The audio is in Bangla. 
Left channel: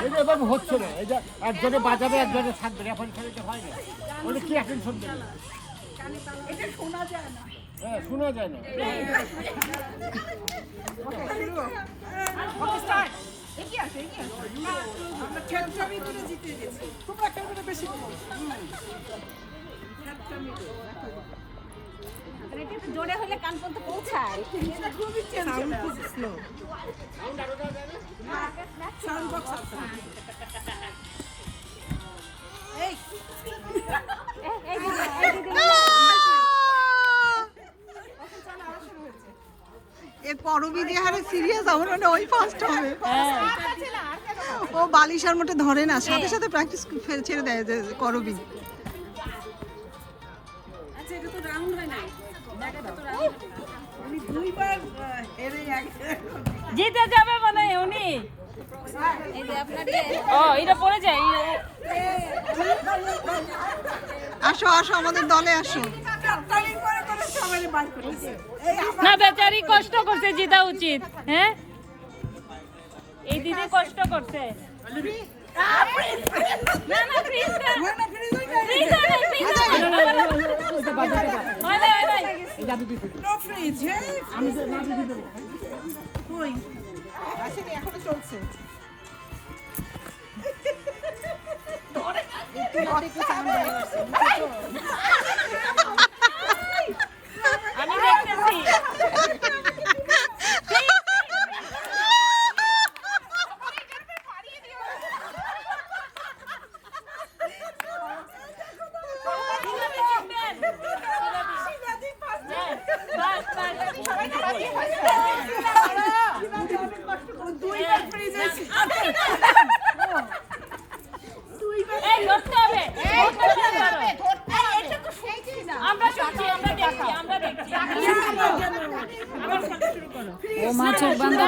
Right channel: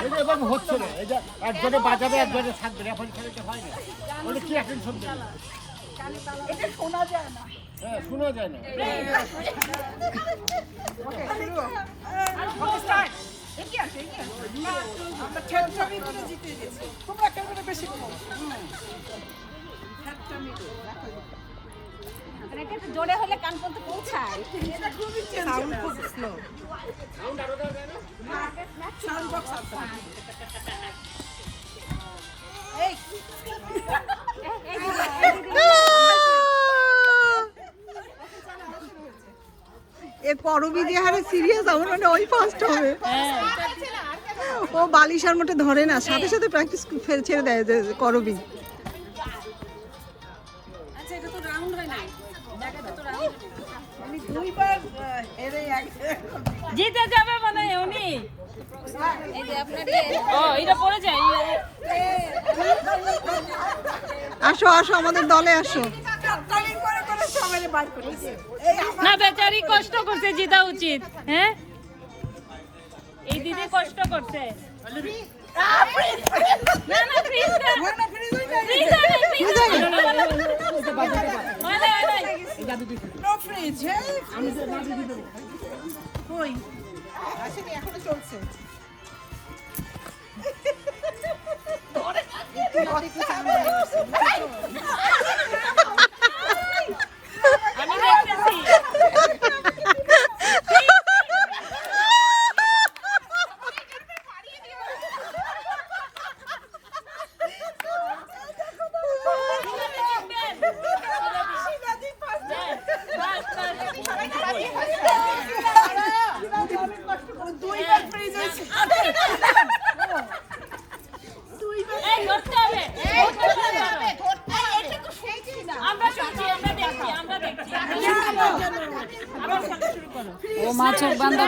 এরকম হচ্ছে না, এই যে একজনে বাজাবে একজনে থাকবে, এখন খেলতে হয় না। ওটা কি এখন শুনবে? এটা শোনা যায় না। হ্যাঁ, শোনা যায় না। আমরা ঠেকছামি করে জিতে গেছি। তোমরা কেন বেশি জোরে হলে কান পর্যন্ত পৌঁছায়। এটা খুবই সাউন্ড খুব স্লো। সাউন্ড বক্স আছে। এই এ পরবি দিয়ে হারে সিরিয়াস আমার মানে ওই ফার্স্ট হবে। ও বালিশার মতো ধরে না, সাথে সাথে প্র্যাকটিস ছেড়ে দেয় যে করবি। আচ্ছা এটা তো রাউন্ড হয় নাই, জায়গাটা তো রাউন্ড হয় নাই। উনি দুইবার হেরে জিতে যাবে মানে উনি। এই যে আপনার এটা পড়ে যায়। আসো আসো আমাদের দলে আসো। কাটালি করে করে সবাই বার করেছে। এই না বেচারি কষ্ট করছে, জিতা উচিত। হ্যাঁ এই দিদি কষ্ট করছে। না না ফ্রিজ না, না ফ্রিজ হয়ে যায়। No freeze. আমি তো না দিতে দেব। কই আসলে এখনো চলছে। আমি দেখতেছি। দুইবার ফ্রিজ হয়েছে। এই ধরতে হবে, এটা তো সেইটি না। আমরা শুনছি, আমরা দেখছি, আমরা দেখছি। আবার শুরু করো। ও মাছের বান্দা